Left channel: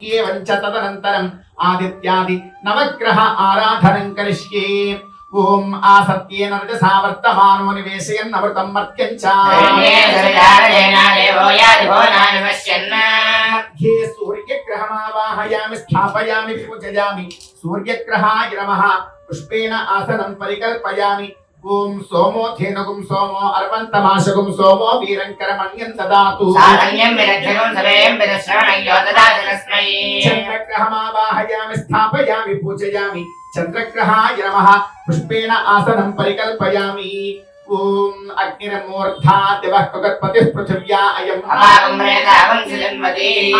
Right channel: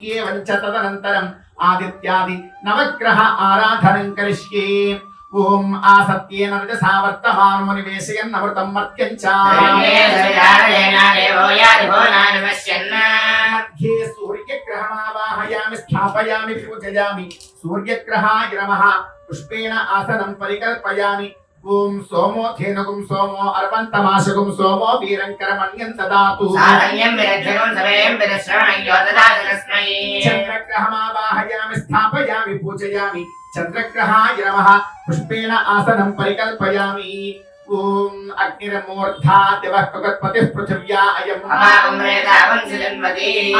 ఏవంచ తదనంతరం ఆదిత్యాది నవగ్రహ ఆరాధనం కరిష్యే ఓం ఆసత్యేన రజసా వర్తమానో నివేశయన్ అమృతం మర్త్యం మధ్యే సూర్యగ్రహమావాహయామి స్థాపయామి పూజయామి సూర్యగ్రహాయ నమ పుష్పేణ ఆసనం పరికల్పయామి ఓం సోమో ధేనుగుం సోమో అర్వంతమాశగుం సోమో వీరంకరమణ్యం దదాతు చంద్రగ్రహమావాహయామి స్థాపయామి పూజయామి చంద్రగ్రహాయ నమః పుష్పేణ ఆసనం పరికల్పయామి ఓం అగ్నిరమూర్ధా దివః కుగత్పతిః పృథివ్యా అయం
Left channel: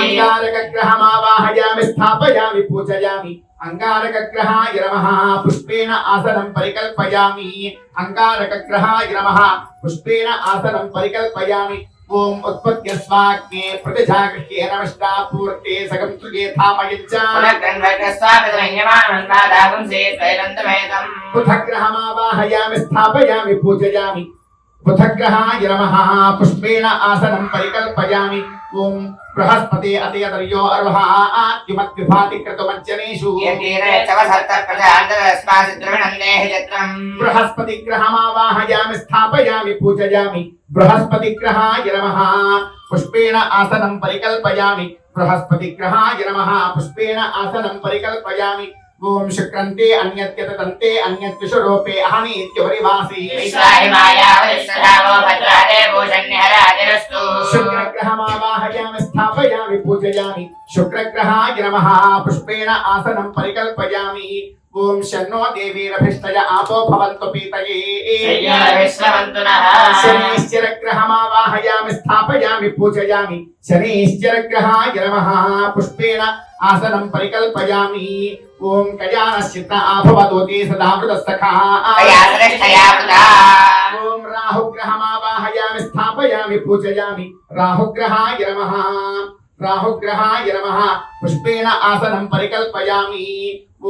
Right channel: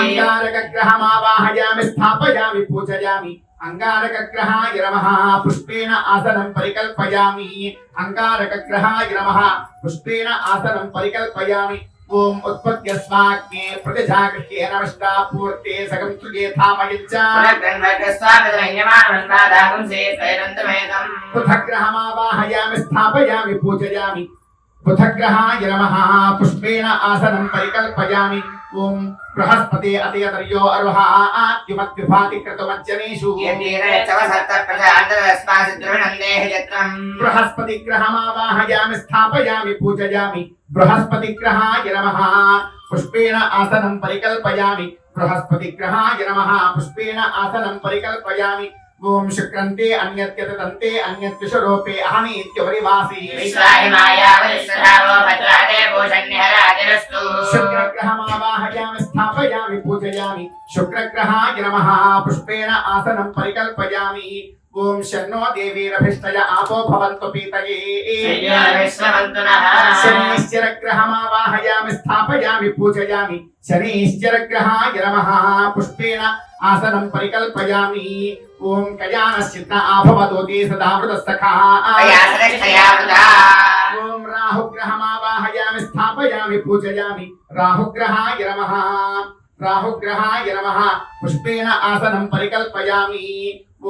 అంగారకగ్రహమావాహయామి స్థాపయామి పూజయామి అంగారకగ్రహాయ నమః పుష్పేణ ఆసనం పరికల్పయామి అంగారకగ్రహాయ నమః పుష్పేణ ఆసనం పరికల్పయామి ఓం ఉత్పత్త్యస్వాగ్నే ప్రతిజాగృహ్యేన నమస్తా పూర్తి సగం సుగేథామయంచ బుధగ్రహమావాహయామి స్థాపయామి పూజయామి. బుధగ్రహాయ నమః. పుష్పేణ ఆసనం పరికల్పయామి. ఓం బృహస్పతి అతయతర్యో అర్వహాద్యుమద్విభాతి క్రతుమజ్జనేషు బృహస్పతి గ్రహమావాహయామి స్థాపయామి పూజయామి. బృహస్పతి గ్రహాయ నమః. పుష్పేణ ఆసనం పరికల్పయామి. బృహస్పతి గ్రహాయ నమః పుష్పేణ ఆసనం పరికల్పయామి ఓం శుక్రంతే అన్యత్యత దంతే అన్యత్యుషరూపే అహనీత్యుపరివాసి శుక్రగ్రహమావాహయామి స్థాపయామి పూజయామి శుక్రగ్రహాయ నమః పుష్పేణ ఆసనం పరికల్పయామి ఓం శన్నో దేవీరభిష్టయ ఆపో భవంతు పీతయే శనీశ్చరగ్రహమావాహయామి స్థాపయామి పూజయామి శనీశ్చరగ్రహాయ నమః పుష్పేణ ఆసనం పరికల్పయామి ఓం కయానశ్చిత్త ఆభవతోతి సదా మృతస్థఖా ఓం రాహుగ్రహమావాహయామి స్థాపయామి పూజయామి రాహుగ్రహాయ నమః రాహుగ్రహాయ నమః. పుష్పేణ ఆసనం పరికల్పయామి.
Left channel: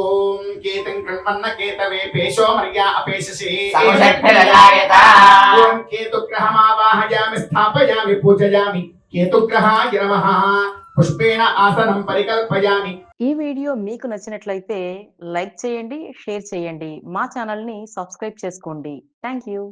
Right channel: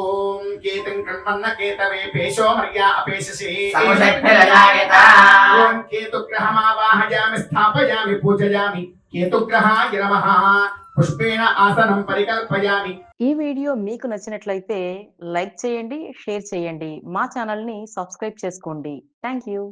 ఓం కేతం కృణ్వన్న కేతవే పేషో మర్యా అపేషసి ఓం కేతుగ్రహమావాహయామి స్థాపయామి పూజయామి. కేతుగ్రహాయ నమః. పుష్పేణ ఆసనం పరికల్పయామి. ఈ వీడియో మీకు నచ్చినట్లయితే లైక్ చేయండి షేర్ చేయండి. మా ఛానల్ని సబ్స్క్రైబ్ చేసుకోండి. Thank you.